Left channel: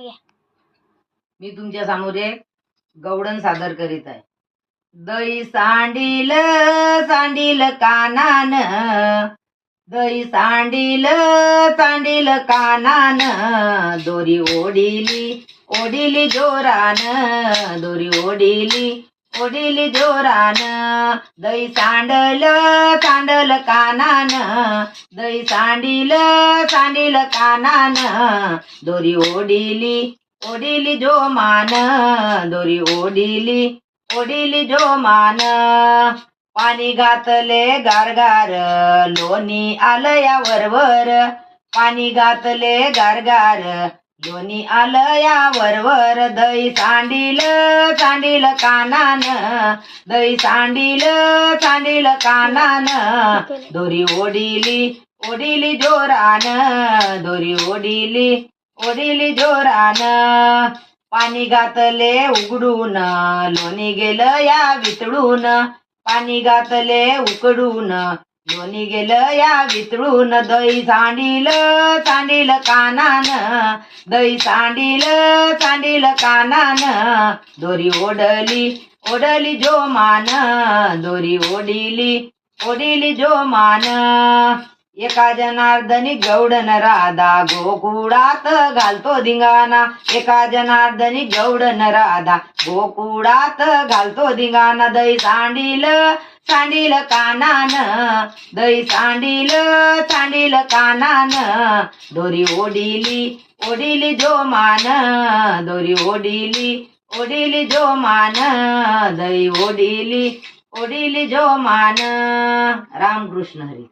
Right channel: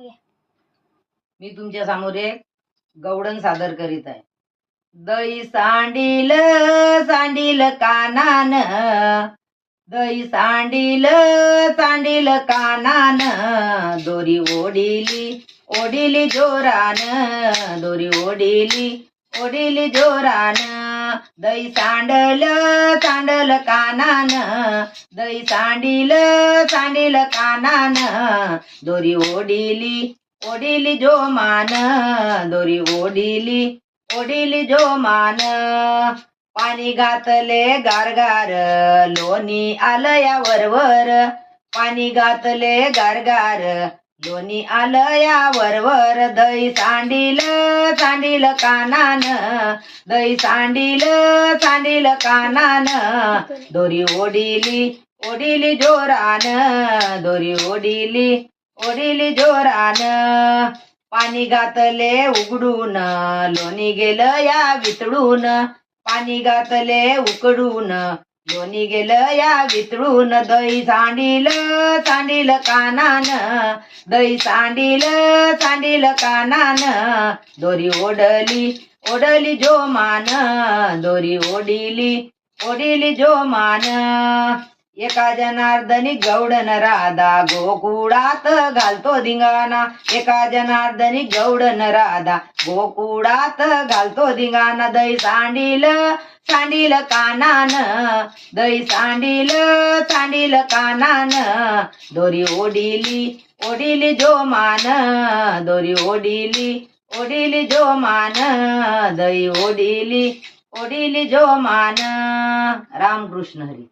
मी तुमच्या समोर एक गवडण सादर करीत आहे. दही सांडील सांडील कानान, दही सांडील सांडील कानान, दोरी ओढिली ओढिली जोरान, दोरी ओढिली ओढिली जोरान. दही सांडल सांडल कानान, दही सांडील सांडील कानान, दोरी ओढिली ओढिली जोमान, दोरी ओढिली ओढिली जोमान. पाणी घातले गारगार, लोणी आलं या वरवर, पाणी घातले गारगार, लोणी आलं या वरवर. दही सांडील सांडील कानान, दही सांडील सांडील कानान, दोरी ओढिली ओढिली जोरान, दोरी ओढिली ओढिली जोरान. पाणी घातले उघडून, लोणी गेलं या वितळून, पाणी घातले उकडून, लोणी गेलं या वितळून. दही सांडील सांडील कानान, दही सांडील सांडील कानान, दोरी ओढली ओढली जोमान, दोरी ओढिली ओढिली जोमान. एका जनार्दनी गवडन राधा, गोकुळात घालतो धिंगाणा, एका जनार्दनी गवडन राधा, गोकुळात घालतो धिंगाणा. दही सांडील सांडील कानान, दही सांडील सांडील कानान, दोरी ओढिली ओढिली जोमान, दोरी ओढिली ओढिली जोमान, दही ओढिली ओढिली जोमान. रामकृष्ण हरी.